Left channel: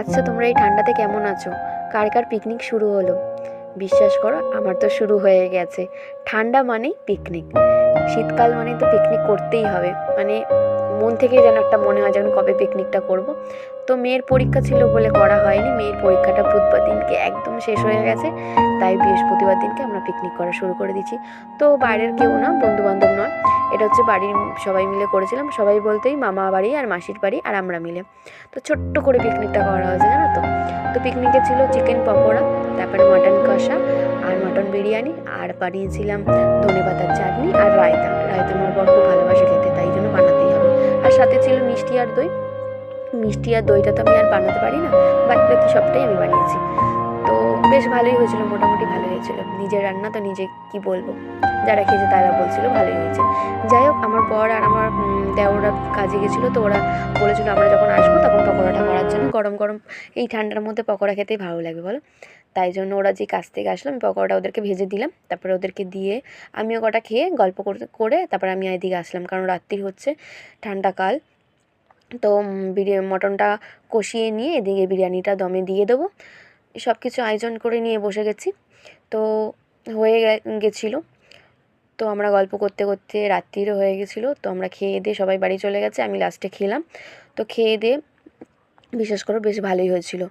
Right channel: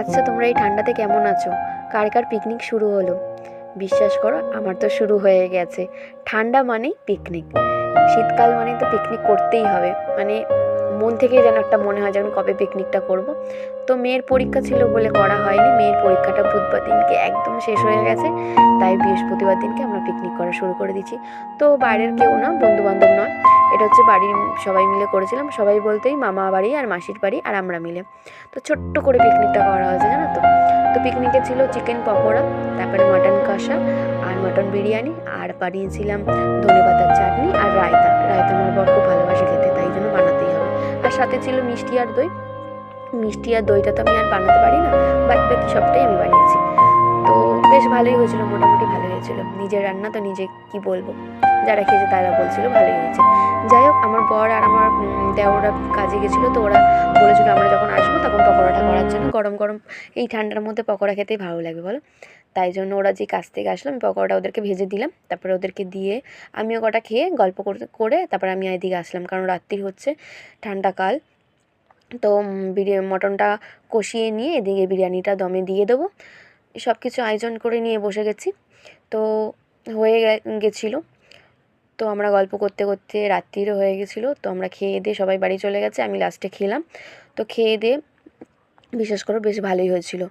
আচ্ছা, তোমরা এই ঠান্ডাতে কেমন আছো? কার কার পিকনিক শুরু হলো? বিশ্বাস করো, আমার তো শুরু হয়ে গেছে। ঠান্ডা মানেই পিকনিক, শীতকাল মানেই তো পিকনিক করতেই হবে। মানে মন থেকেই যেন একটা মনে হয় যে আমি কবে পিকনিকটা করব। তো মেয়ের পরীক্ষা ছিল বলে করা হয়নি। মেয়ের পরীক্ষাটা বুধবার দিনকে একদম শেষ হয়ে গেছে, তাই বৃহস্পতিবার দিনকে আমরা পিকনিক করা শুরু করে দিয়েছি। তো বাইরের কেউ না, বন্ধু বান্ধব নয়, এটা হচ্ছে বাড়ির সবাই মিলে করেছিলাম। সবাই বলতেই মামা বাড়ি আর মাসির বাড়ি আর আমরা মিলে। তো ছোট্ট করে পিকনিকটা করা হয়েছে, জানো তো। তো পিকনিকে ছিল চিকেন পকোড়া, তারপরে মাটন কষা আর মাটন বিরিয়ানি, আর বানিয়েছিলাম ধনেপাতার চাটনি আর রায়তা। রায়তা আমার বর খুব ভালোবাসে খেতে, তাই জন্য বানাতেই হবে। আর সাথে ছিল মিষ্টি আর দই। মিষ্টি আর দইটা তো আমি আর বানাতে পারি না, বাট বাকি সবটাই আমি বানিয়েছি। তো বেশ ভালোই হয়েছিল, মোটামুটি ভালো হয়েছিল। নিজের রান্না তো নিজে কি বলবো, যারা খেয়েছে তারা বলছিল ভালোই হয়েছে। যাই হোক, আমার বর আর আমার দেওররা কাজে গেছিলো, তো ওরা বলেছিল আমরা যখন আসবো তখন পকোড়াটা করার জন্য। গরম গরম এই ঠান্ডার মধ্যে পকোড়া খেতেই ভালো লাগে বলো। তাই জন্য ওরা যে কাজ থেকে আসলো, আমি পকোড়াটা ওদেরকে ভেজে দিলাম, তারপরে ওদেরকে দিয়ে আমিও কটা খেয়ে গল্প করতে করে তারপরে আমি এদিকে আসলাম, কারণ রাত্রি হচ্ছে, ঠান্ডাকাল। তো মটনটা কষিয়ে নিয়ে এদিকে বিরিয়ানিটা দমে দিয়ে দেবো। সব কিছু আয়োজন করে নিয়ে বসে গেছি। তো হয়ে গেছিলো। তো আমরা গল্প করতে করতে রাত্রিরও হয়ে গেছিলো। তো আমরা খেয়ে দিয়ে সবাই বাড়ি চলে গেছে, আমি লাস্টে খেলাম। তো খেয়ে দিয়ে বিশ্বাস করো বেশ ভালোই হয়েছিল।